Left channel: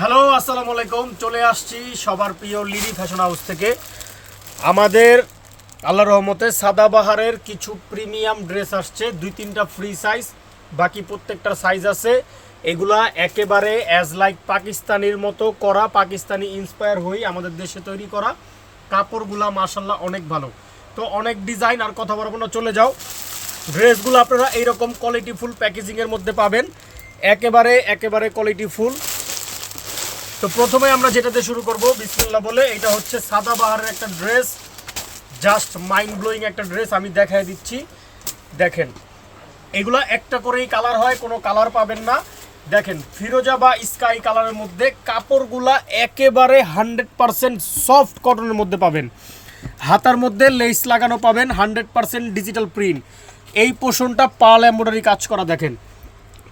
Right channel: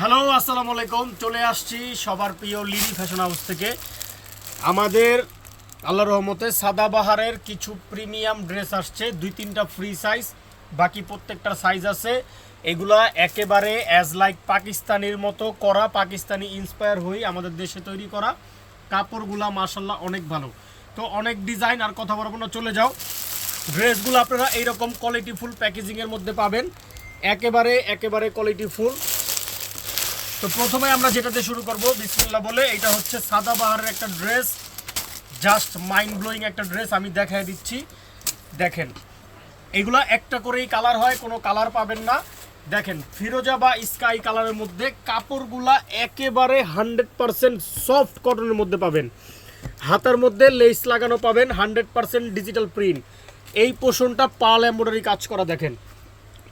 Hello, আসসালামু আলাইকুম। চলে আসছি সবার প্রিয় লিডি ফ্যাশন হাউস থেকে। আমাদের আল্লাহ রহমতে সাদাবাহারের কিছু প্রিমিয়াম ড্রেস আসছে। দুই তিনটা ফ্রি সাইজ বাকি প্রত্যেকটা সাইজ আছে। এগুলা একেবারে অ্যাজ লাইক পাকিস্তানির মতো করা, পাকিস্তানি ইন্সপায়ার হয়ে আমাদের দেশে তৈরি করা। কাপড়গুলা মাসাল্লাহ অনেক ভালো। তো অনেক ডিজাইন আর কথা বলব না, চলে যাও। ড্রেসগুলো আপনারা এইরকম কোয়ালিটি ফুল প্যাকেজিংয়ের মধ্যে পাবেন। একেবারে একেবারে কোয়ালিটি ফুল তো প্রথমে আমরা যেটাতে শুরু করব, বিসমিল্লাহ বলে, এটা হচ্ছে সাদা বাহারের একটা ড্রেস জাস্ট মাইন্ড ব্লোয়িং একটা ড্রেস, আমি দেখাই দিচ্ছি। দেখেন, এগুলো একটা করেই কালার হয়, কোনো কালার পাবেন না। দেখেন, ফিরোজা বা স্কাই কালারের মধ্যে কাপড়গুলা একেবারে হান্ড্রেড পারসেন্ট সফট কটনের মধ্যে পাবেন। হাতার মধ্যে লেস লাগানো পাবেন, হান্ড্রেড পারসেন্ট ডিজিটাল প্রিন্ট এই পোষণটা পাল এম্ব্রয়ডারি কাজ করা, দেখেন।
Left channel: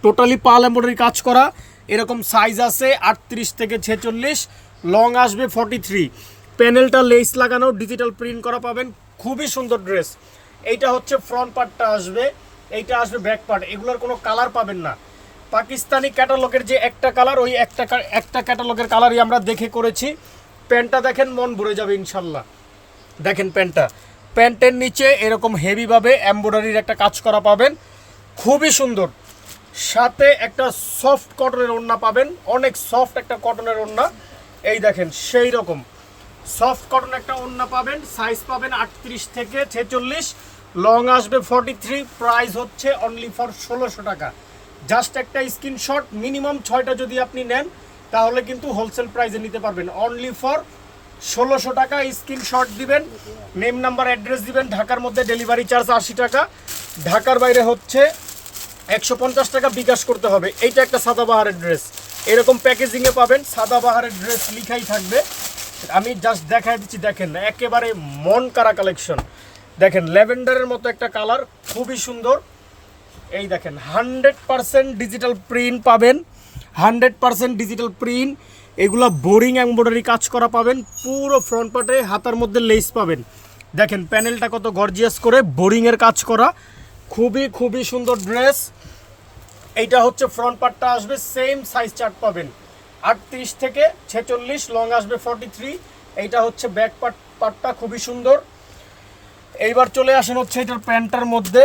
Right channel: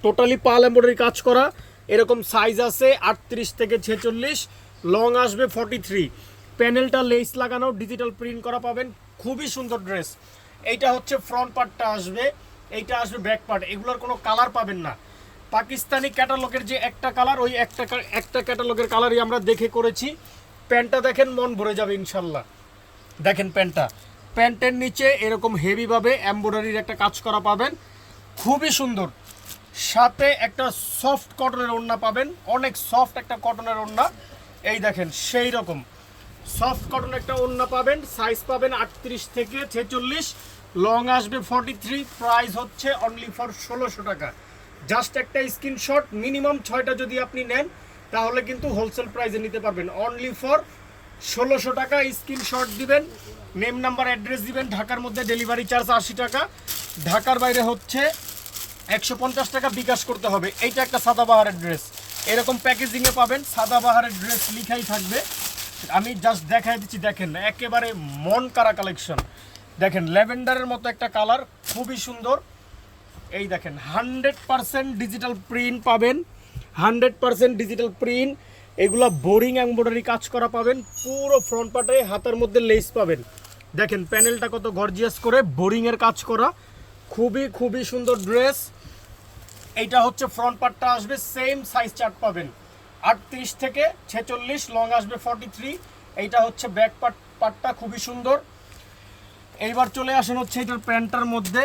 টোটালি পাল এম্ব্রয়ডারি কাজ করা এরকম সাইজ আছে আটত্রিশ থেকে ছেচল্লিশ লং আসবে ফর্টি থ্রি প্যানেলটা লেস লাগানো ডিজিটাল প্রিন্ট করা পাবেন। খুবই সুন্দর ড্রেস এইটা হচ্ছে ফ্রন্ট পার্টটা আসবে। এইটা আসবে ব্যাক পার্ট এগুলোর কোনো কালার পাবেন না। পাকিস্তানি ক্যাটালগের যে একটা কালার ওই একটা একটা ক্যাটালগের কালারই আমরা দেখে করেছি। প্যান্টটা দেখেন, মন ভরে যাবে ইনশাল্লাহ। দেখেন প্যান্টটা প্যান্টের নিচে এরকম হেভিভাবে এমব্রয়ডারির একটা কাজ করা পাবেন। খুবই সুন্দর। সাথে একটা সফট কটনের ওড়না পাবেন। অনেক সফট একটা কটনের ওড়না। এই দেখেন, সেই রকম। সফট কটন একটা ওড়না পাবেন সাইজ পাবেন আটত্রিশ থেকে ছেচল্লিশ। লং আসবে ফর্টি থ্রি প্রাইস হচ্ছে অনলি ফর ষোলোশো টাকা। জাস্ট একটা স্ক্রিনশট মিনিমাম ছয়টা যদি আপনি নেন, তাহলে কিন্তু হোলসেল প্রাইসে নিতে পারবেন। অনলি ফর ষোলোশো টাকা স্ক্রিনশট দিবেন নেম নাম্বার অ্যাড্রেস দিবেন, ঢাকার মধ্যে ডেলিভারি চার্জ আশি টাকা। ঢাকার বাইরে হচ্ছে একশো পঞ্চাশ টাকা বিকাশ করতে হবে। এইটা একটা সাদাবাহারের ড্রেস এরকম প্যাকেজিংয়ে পাবেন, সাদাবাহারের ড্রেস লিখাই থাকবে। আমি জাস্ট দেখাই দিচ্ছি, দেখেন না একেবারে মন কারা কালেকশন দেখেন, ল্যাভেন্ডারের মতো একটা কালার খুবই সুন্দর। এই দেখেন, হান্ড্রেড পারসেন্ট ডিজিটাল প্রিন্ট পাবেন। হান্ড্রেড পারসেন্ট ডিজিটাল প্রিন্ট এগুলো বোরিং এমব্রয়ডারি কাজ করা পাবেন। পুরো ফ্রন্ট পার্টে হাতার মধ্যে লেস পাবেন। দেখেন প্যানেলটা কত গর্জিয়াস করে বোরিংয়ের কাজ করা। খুবই খুবই সুন্দর ড্রেস। এইটা হচ্ছে ফ্রন্ট পার্টটা আসবে সেম সাইজ চার্ট পাবেন। আটত্রিশ থেকে ছেচল্লিশ লং আসবে ফর্টি থ্রি এইটা হচ্ছে ব্যাক পার্ট পার্টটা খুবই সুন্দর। এইবার চলে আসেন হচ্ছে এটার প্যান্টটার মধ্যে।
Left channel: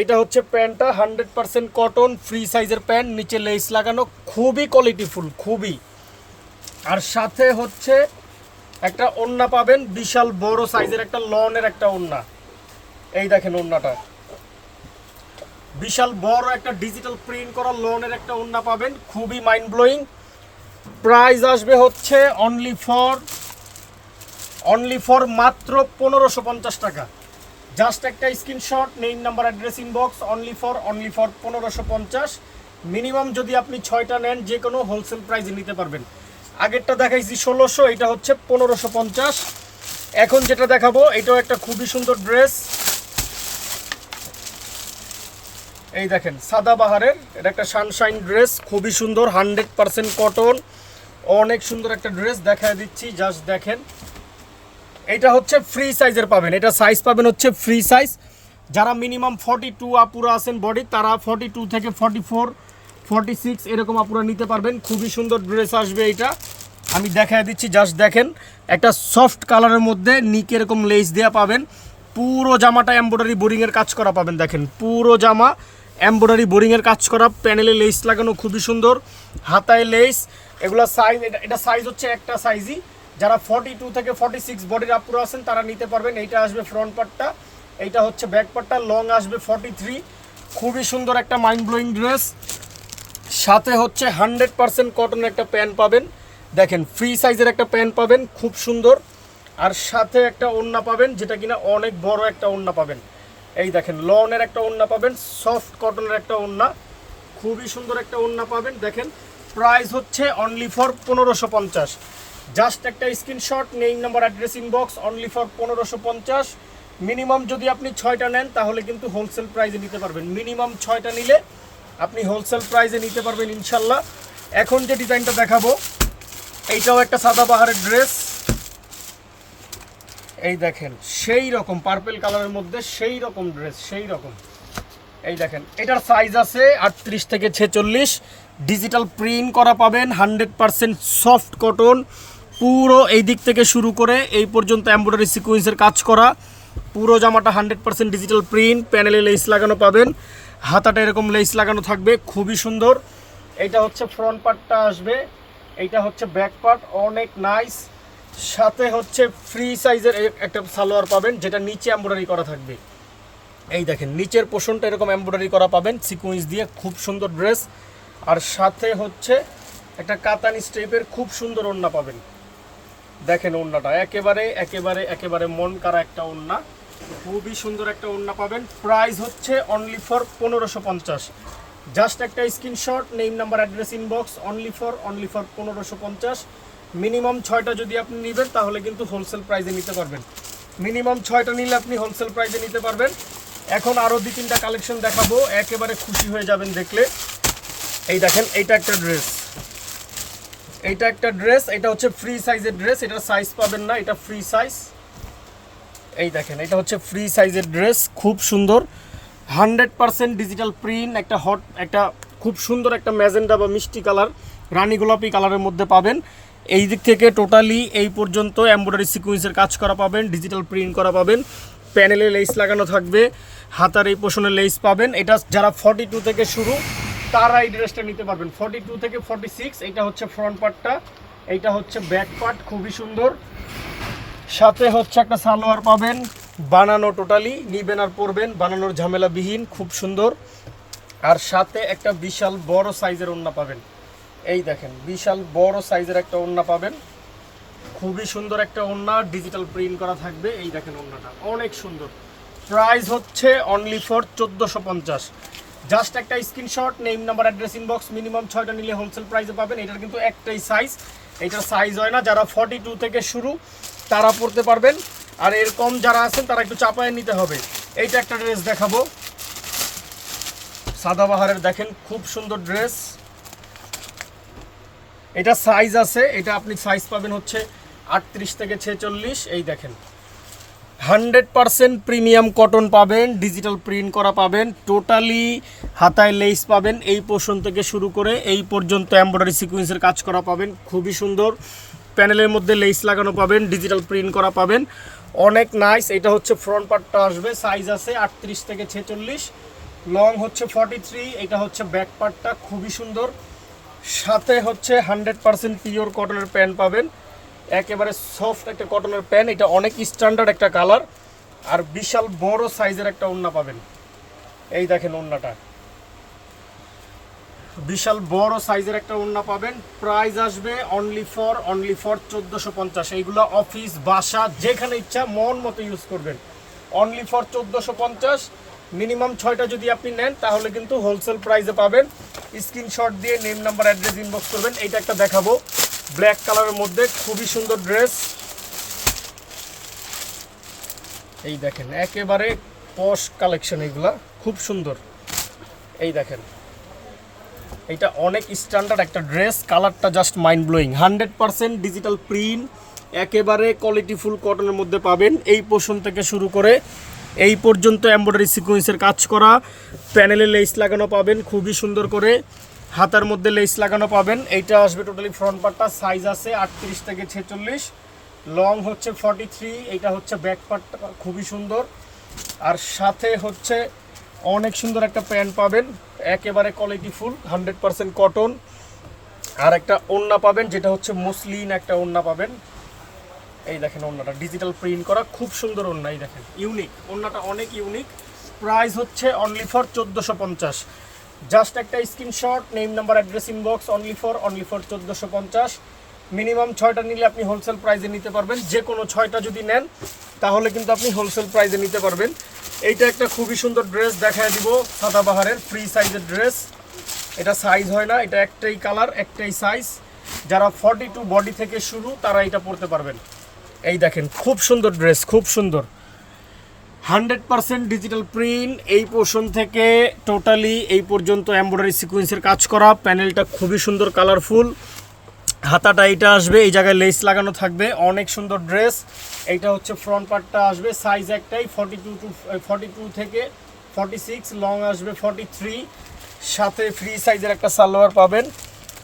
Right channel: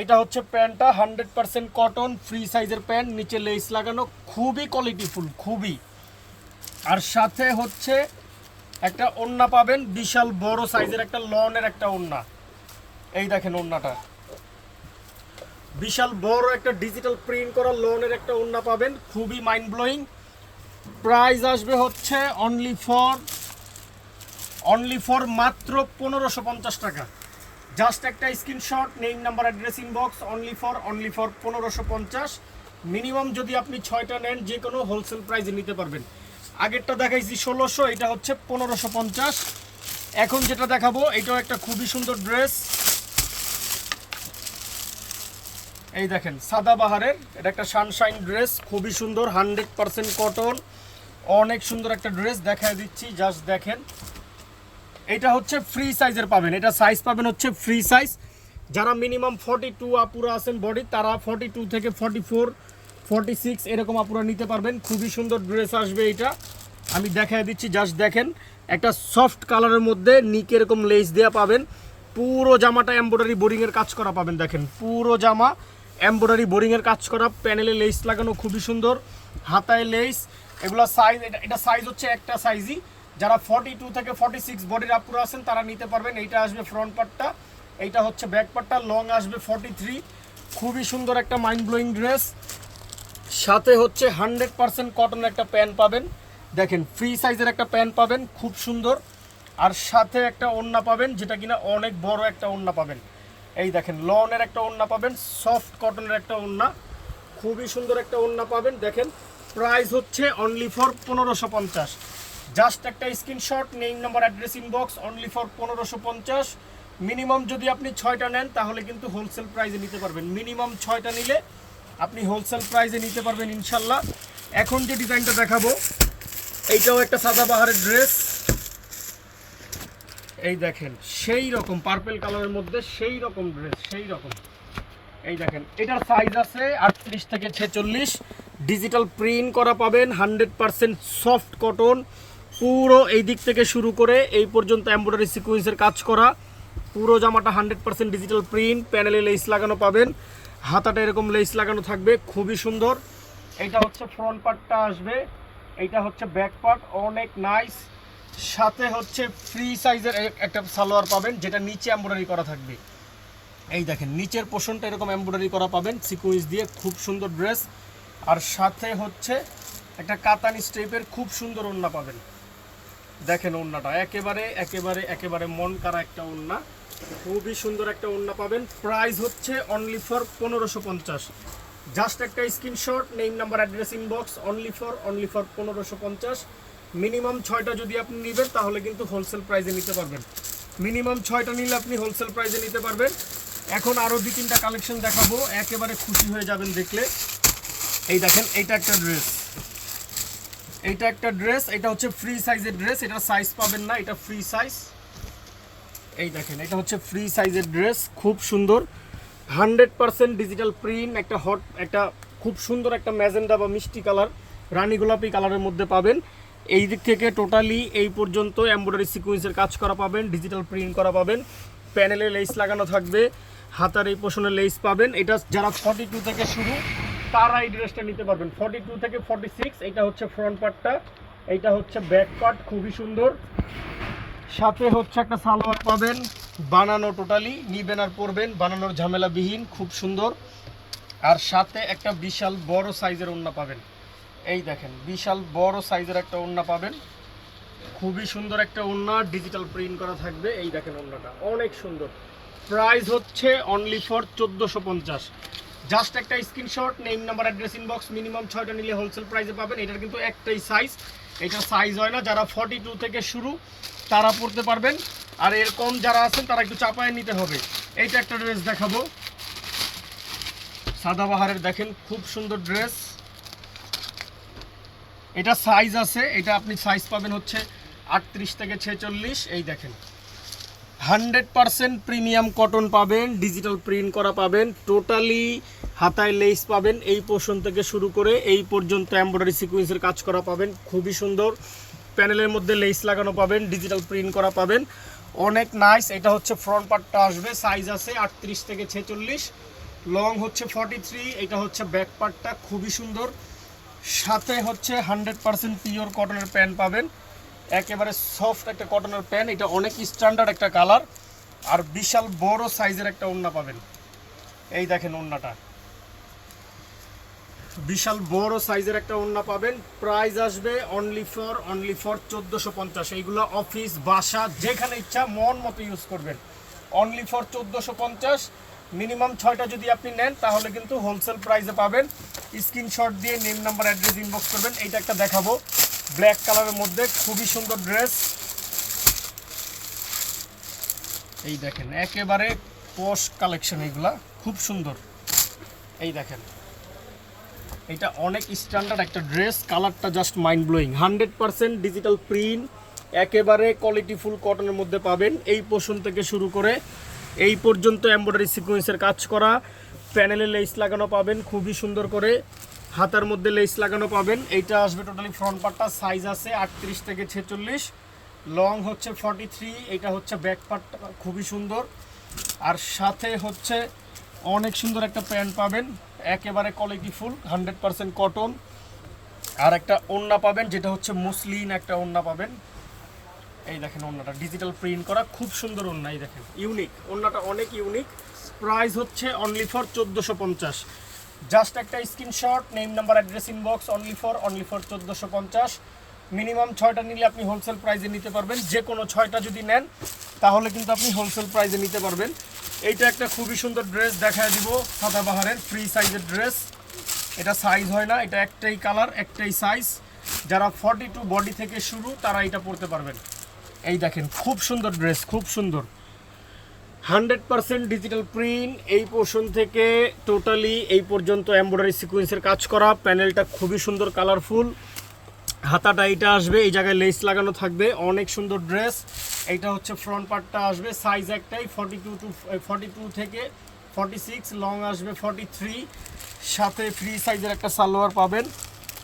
এইটা হচ্ছে প্যান্টটা হান্ড্রেড পার্সেন্ট কটন ফ্রি সাইজের প্যান্ট, নিচে লেস লাগানো, খুবই কোয়ালিটিফুল খুবই। আর সাথে হচ্ছে একটা ওন্না পাবেন, বিশাল বড় সাইজের একটা লনের একটা ওন্না। এই দেখেন ওন্নাটা। বিশাল বড় একটা ডিজিটাল প্রিন্ট করা লোনের একটা ওন্না পাবেন। খুবই মাইন্ড ব্লোয়িং প্রাইস আসবে হচ্ছে অনলি ফর অনলি ফর মাত্র পনেরোশো পঞ্চাশ টাকা। জাস্ট একটা screenshot name number address inbox only for only for পনেরোশো পঞ্চাশ। মিনিমাম যদি আপনি ছয়টা নেন, যে কোনো হোলসেল প্রাইসে নিতে পারবেন। আগেরটা দেখাইছি ষোলোশো, এটা হচ্ছে পনেরোশো পঞ্চাশ। এখন যেটা দেখাবো, এটাও একটা খুবই সুন্দর ড্রেস এই দেখেন, সাদা বাহারের, এটা একটা সানশাইন ড্রেস খুবই সুন্দর হান্ড্রেড পার্সেন্ট কটন অনেক সুন্দর একটা ড্রেস দেখা দিচ্ছি জাস্ট দেখেন। এটা হচ্ছে ফ্রি সাইজের পাবেন, এটা সাইজ পাবেন হচ্ছে ফ্রি সাইজ যারা মিনিমাম ফর্টি টু আপুরা আছেন বডি তারা ফর্টি টু থেকে ফর্টি ফোর ফর্টি সিক্স এরকম আপুরা নিতে পারবেন। খুবই সুন্দর ড্রেস আসবে এটা আমি দেখায় দিচ্ছি জাস্ট দেখেন, একটা সফট কালারের মধ্যে নিক এরকম লেস দেওয়া পাবেন। পুরো জামাটা এমব্রয়ডারি বোরিংয়ের কাজ করা পাবেন, দেখেন, পুরো জামা। এমব্রয়ডারি বোরিংয়ের কাজ করা, প্যানেলে লেস লাগানো খুবই সুন্দর, হাতায় লেস এগুলো সাইজ এটা সাইজ হচ্ছে একটা সাইজই যারা ফর্টি টু থেকে ফর্টি সিক্স বডির আপুরো আছেন, তারা নিতে পারবেন। এইটা আসবে ফ্রন্ট পার্টটা এইটা হচ্ছে ব্যাক পার্টটা লং আসবে ফর্টি থ্রি খুবই সুন্দর একটা মাইন্ড ব্লোয়িং ড্রেস সাথে হচ্ছে হান্ড্রেড পার্সেন্ট কটনের একটা প্যান্ট পাবেন। দেখেন ফ্রি সাইজের একটা প্যান্ট পাবেন, খুব সুন্দর। আর সাথে একটা ওড়না পাবেন, যেটা কিনা অনেক বড় একটা ওড়না পাবেন। এই দেখেন, লনের একটা ওড়না পাবেন সফট কটনের একটা ওড়না। খুবই সুন্দর একটা ওড়না পাবেন। দেখেন প্রাইস হচ্ছে অনলি ফর পনেরোশো পঞ্চাশ। জাস্ট একটা স্ক্রিনশট নেই number address inbox only for পনেরোশো পঞ্চাশ। মিনিমাম যদি আপনি ছয়টা নেন, তাহলে কিন্তু হোলসেল প্রাইজে নিতে পারবেন। মিনিমাম ছয়টা নিলে আপনি হোলসেল প্রাইজে নিতে পারবেন, ইনশাল্লাহ। এখন যে ডিজাইনটা দেখাবো, এইটাও একটা সাদা বাহারের ড্রেস এই দেখেন, সেই রকম পার্পেল কালারের মধ্যে সেই রকম ড্রেস সেই রকম। এই দেখেন, এটার সাইজ আছে আটত্রিশ থেকে ছেচল্লিশ। ডিজিটাল প্রিন্ট করা পাবেন হান্ড্রেড পারসেন্ট সফট কটন পুরো এই দিক থেকে শুরু করে এই পর্যন্ত এমব্রয়ডারি সিকুয়েন্সের কাজ করা। পুরো জামাটা হান্ড্রেড পারসেন্ট ডিজিটাল প্রিন্ট প্যানেলে লেস লাগানো পাবেন। হাতাটা এরকম লেস লাগানো থাকবে, খুবই সুন্দর। এটা হচ্ছে ফ্রন্ট পার্টটা আসবে। এইটা হচ্ছে ব্যাক পার্ট অনেক নাইস সাথে হচ্ছে ফ্রি সাইজের একটা সালোয়ার পাবেন, যেটা নিচে এমব্রয়ডারি করা থাকবে। এই দেখেন, নিচের পোষণটা এরকম এমব্রয়ডারি করা পাবেন সিকুয়েন্স দিয়ে খুব সুন্দর ড্রেস আর সাথে হচ্ছে একটা কাতানি স্টেপের খুব সুন্দর ওড়না পাবেন। দেখেন ওড়নাটা, একেবারে একেবারে একেবারে মন কারা একটা ওড়না। খুবই সুন্দর একটা ওড়না পাবেন। প্রাইস হচ্ছে অনলি ফর পনেরোশো পঞ্চাশ। জাস্ট একটা screenshot name number address inbox only for only for পনেরোশো পঞ্চাশ। মিনিমাম ছয়টা যদি আপনি নেবেন, তাহলে কিন্তু হোলসেল প্রাইসে নিতে পারবেন। মিনিমাম ছয়টা নিলে আপনি হোলসেল প্রাইসে নিতে পারবেন। এখন আরও দুই তিনটা কালেকশন দেখাবো, একেবারে খুশি হয়ে যাবেন দেখলে। এই দেখেন, এইটা একটা ড্রেস এইটা একটা ড্রেস এটা হচ্ছে ফ্রি সাইজের ড্রেস এটা সাইজ পাবেন না, এটা ফ্রি সাইজ এই দেখেন, এটা হচ্ছে ফ্রি সাইজের ড্রেস খুব সুন্দর। হান্ড্রেড পারসেন্ট ডিজিটাল প্রিন্ট একটা হট একটা খুব সুন্দর একটা ম্যাজেন্ডা বা মিষ্টি কালার, রানী গোলাপি কালারের মধ্যে পাবেন। এই দিক থেকে টোটালি এই পর্যন্ত এমব্রয়ডারি সিকুয়েন্সের কাজ করা পাবেন ডিজিটাল প্রিন্ট করা পাবেন প্যানেলে লেস লাগানো থাকবে, হাতার এই পোষণে লেস পাবেন। এটা যারা ফর্টি টু থেকে শুরু, তারা এই ড্রেসটা নিতে পারবেন। ফর্টি টু থেকে ফর্টি সিক্স এটা হচ্ছে ফ্রন্ট পার্টটা এইটা হচ্ছে ব্যাক পার্ট খুবই সুন্দর। সাথে হচ্ছে একটা সালোয়ার পাবেন, বানানো টোটালি নিবেন আর পরবেন, বানানোর ঝামেলাবিহীন, খুব সুন্দর। আর সাথে একটা বিশাল বড় সাইজের ওড়না পাবেন। এই দেখেন, বিশাল বড় সাইজের একটা ওড়না পাবেন। খুবই সুন্দর একটা ওড়না ডিজিটাল প্রিন্ট করা থাকবে। এই দেখেন ওড়নাটা, অনেক সুন্দর। প্রাইস হচ্ছে অনলি ফর চোদ্দোশো পঞ্চাশ। জাস্ট একটা screenshot name number address inbox minimum ছয়টা নিলে হোলসেল প্রাইসে পাবেন। এটার কিন্তু একটাই সাইজ এটা সাইজ হয় না, যারা ফর্টি টু থেকে শুরু, তারা পড়তে পারবেন। আর এর কম যারা আছেন, তারা একটু চাপায় নিতে হবে। এইটা একটা ড্রেস দেখাবো। সাদাবাহারের দেখেন, খুব সুন্দর ড্রেস এটা সাইজ আছে, এটা আপনি সাইজ পাবেন হচ্ছে আটত্রিশ থেকে ছেচল্লিশ। এই দেখেন। হান্ড্রেড পারসেন্ট প্রিমিয়াম কটন পাবেন ডিজিটাল প্রিন্ট করা পাবেন টোটালি হাতায় লেস পাবেন। এই পোর্শন থেকে শুরু করে এই পর্যন্ত এমব্রয়ডারি সিকুয়েন্সের কাজ করা পাবেন। খুবই সুন্দর। প্যানেলের মধ্যে লেস লাগানো পাবেন ডিজিটাল প্রিন্ট করা পাবেন। অনেক নাইস এটা হচ্ছে ফ্রন্ট পার্টটা আসবে। সাইজ আছে আটত্রিশ থেকে ছেচল্লিশ। লং হচ্ছে ফর্টি থ্রি এটা হচ্ছে ব্যাক পার্টটা খুবই সুন্দর। সাথে হচ্ছে হান্ড্রেড পার্সেন্ট পিওর কটনের প্যান্ট পাবেন। একেবারে সফট একটা কটনের প্যান্ট, এটা অনেক স্ট্যান্ডার্ড একটা কালার, আর বিশাল বড় সাইজের একটা ওড়না পাবেন। এই দেখেন ওড়নাটা। বিশাল বড় সাইজের একটা ওড়না পাবেন। প্রাইস আসবে অনলি ফর অনলি ফর চোদ্দোশো পঞ্চাশ। এইগুলো অফিস, বাসা, যেখানে ইচ্ছা মন মতো ইউজ করবেন। অনলি ফর চোদ্দোশো পঞ্চাশ। মিনিমাম ছয়টা যদি আপনি নেন, তাহলে কিন্তু হোলসেল প্রাইসে পাবেন। স্ক্রিনশট দিয়ে নেম নাম্বার অ্যাড্রেস ইনবক্স করবেন। এইটা একটা দেখাবো। ব্ল্যাক কালারের মধ্যে খুবই সুন্দর ড্রেস এই দেখেন, একেবারে পশ কালেকশন এইগুলা খুব সুন্দর। এই দেখেন এটা অনেক স্ট্যান্ডার্ড একটা ড্রেস কালারটা just mind blowing hundred percent digital print একেবারে কোয়ালিটি ফুল কটনের মধ্যে পাবেন। এই পোর্শন থেকে শুরু করে এই পর্যন্ত এমব্রয়ডারি সিকুয়েন্সের কাজ করা। প্যানেলে লেস লাগানো পাবেন, খুবই সুন্দর করে। হাতার মধ্যে লেস লাগানো পাবেন। এইটা আসবে টোটালি ফ্রন্ট পার্টটা সাইজ আছে আটত্রিশ থেকে ছেচল্লিশ। লং হচ্ছে ফর্টি থ্রি এইটা হচ্ছে ব্যাক পার্টটা খুবই সুন্দর। আর সাথে হচ্ছে অনেক সুন্দর একটা প্যান্ট পাবেন, একেবারে quality full hundred percent cotton আর একটা ওড়না পাবেন, যেটা হচ্ছে মুসলিন একটা ওড়না পাবেন। এই দেখেন ওড়নাটা। ডিজিটাল প্রিন্ট করা খুব সুন্দর ওড়না, এই দেখেন। ইউনিক ওড়নাটা অনেক ইউনিক প্রাইস হচ্ছে অনলি ফর চোদ্দোশো পঞ্চাশ। জাস্ট একটা screenshot name number address inbox only for only for চোদ্দোশো পঞ্চাশ। মিনিমাম ছয়টা নিলে আপনি হোলসেল প্রাইসে নিতে পারবেন। যে কোনো ছয়টা যদি নেন, তাহলে কিন্তু আপনি হোলসেল প্রাইসে নিতে পারবেন। এইটা একটা খুবই সুন্দর ড্রেস দেখা দিব সাদাবাহারের ফ্রি সাইজের ড্রেস এটা সাইজ হয় না, এটা একটাই কালার একটাই সাইজ যারা ফর্টি টু বডি থেকে শুরু, তারা এটা পরতে পারবেন। এই দেখেন, খুব সুন্দর ড্রেস, খুব সুন্দর। হান্ড্রেড পার্সেন্ট ডিজিটাল প্রিন্ট, এই পোর্শন থেকে টোটালি এই পর্যন্ত এমব্রয়ডারি সিকুয়েন্সের কাজ করা, প্যানেলটা খুবই সুন্দর, কালারফুল। হাতাটা এইটা আসবে, এই জায়গায় লেস লাগানো থাকবে, অনেক সুন্দর ড্রেস। এইটা হচ্ছে ফ্রন্ট পার্টটা আসবে সাইজ একটাই forty two two forty two থেকে ফর্টি সিক্স লং আসবে ফর্টি থ্রি সাথে ফ্রি সাইজের একটা সালোয়ার পাবেন,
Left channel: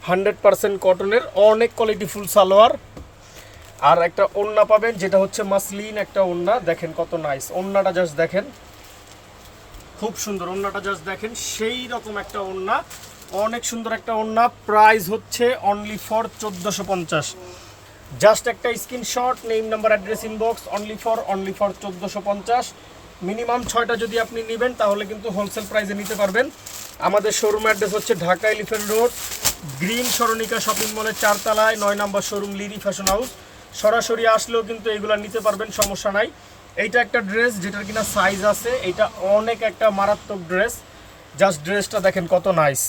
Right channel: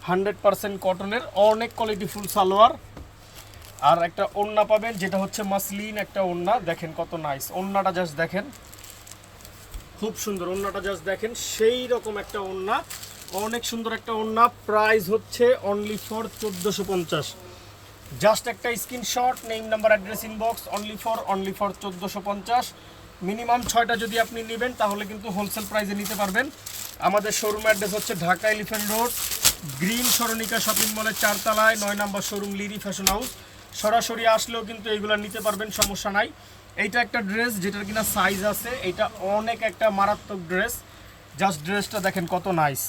হান্ড্রেড পার্সেন্ট কটনের অনেক কোয়ালিটি ফুল সালোয়ার। আর একটা ওন্না পাবেন, যেটা হচ্ছে মাসলিন একটা ওন্না দেখেন কত নাইস ওন্নাটা জাস্ট দেখেন। খুব সুন্দর ওন্নাটা জাস্ট দেখেন। সেই রকম একটা ওন্না অনেক সুন্দর একটা ওন্না প্রাইস হচ্ছে অনলি ফর চোদ্দোশো পঞ্চাশ। জাস্ট একটা screenshot name number address inbox only for only for চোদ্দোশো পঞ্চাশ। মিনিমাম ছয়টা যদি আপনি নেবেন, তাহলে কিন্তু হোলসেল প্রাইসে নিতে পারবেন। আমাদের শোরুম অ্যাড্রেস হচ্ছে Dhaka Elephant Road Green Sarnika shopping মলের চারতলায়, নয় নম্বর শোরুম লিরি ফ্যাশন হাউস সরাসরি আসলেও কিন্তু এইগুলো নিতে পারবেন, সমস্যা নাই। এইটা একটা ড্রেস যেটার কিনা সাইজ আছে, এটা অনেক একটা মারাত্মক ড্রেস। জাস্ট ড্রেসটা দেখেন কত nice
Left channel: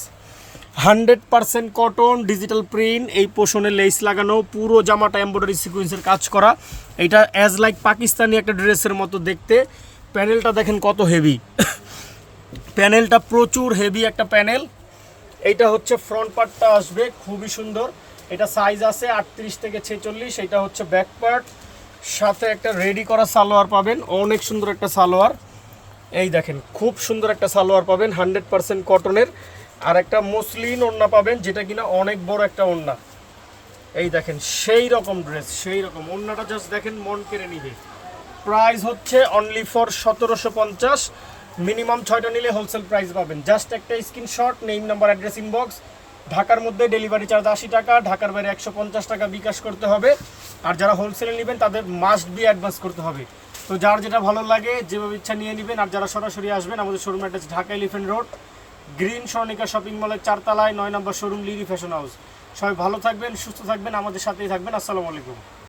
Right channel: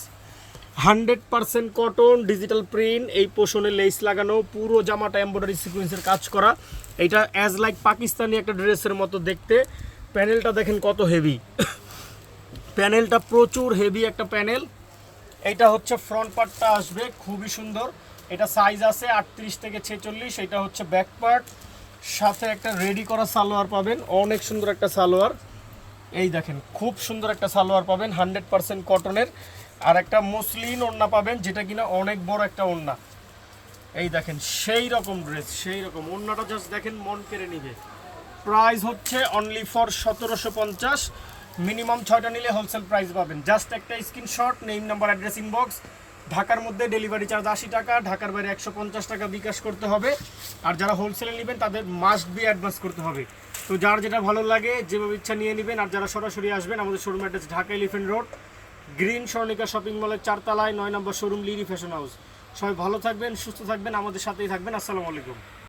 hundred percent cotton digital print এই পোষণে লেস লাগানো, পুরো জামাটা এমব্রয়ডারি সিকুয়েন্সের কাজ করা। এটা অ্যাজ লাইক পাকিস্তানি একটা ড্রেসের মতো দেখতে। প্যানেলটা দেখেন কত হেভি প্যানেলটা প্রচুর হেভি একটা প্যানেল এইটা হচ্ছে ফ্রন্ট পার্টটা আসবে, খুবই সুন্দর। এটা সাইজ আছে আটত্রিশ থেকে ছেচল্লিশ, এটা হচ্ছে ব্যাক সাথে একটা রেডি করা সালোয়ার পাবেন, অনেক সুন্দর একটা সালোয়ার। এই দেখেন, খুব সুন্দর একটা সালোয়ার পাবেন হান্ড্রেড পারসেন্ট কটনের আর একটা মসলিন ওড়না পাবেন, যেটা কিনা অনেক বড় একটা ওড়না। এই দেখেন, সেই রকম ড্রেস সেই রকম। ওড়নাটা জাস্ট দেখেন, মন কেড়ে নিবে। প্রাইস হচ্ছে অনলি ফর সতেরোশো পঞ্চাশ। মিনিমাম ছয়টা নিলে হোলসেল প্রাইস পাবেন। জাস্ট একটা screenshot name number address inbox ঢাকার মধ্যে ডেলিভারি চার্জ আশি টাকা, ঢাকার বাইরে একশো পঞ্চাশ টাকা বিকাশ করতে হবে। আর যারা হোলসেলে নেবেন, তাদের মাস্ট বি অ্যাডভান্স করতে হবে। তো যার যেটা ভালো লাগে, যেভাবে ইচ্ছা নিয়ে নেবেন, আর যারা সরাসরি আসবেন, আমাদের showroom address Dhaka Elephant Road Green Swarnika shopping মলের চারতলায়, নয় নম্বর শোরুম লিরি ফ্যাশন হাউস সবাই ভালো থাকবেন, সুস্থ থাকবেন, আমাদের সাথেই থাকবেন। আসসালামু আলাইকুম।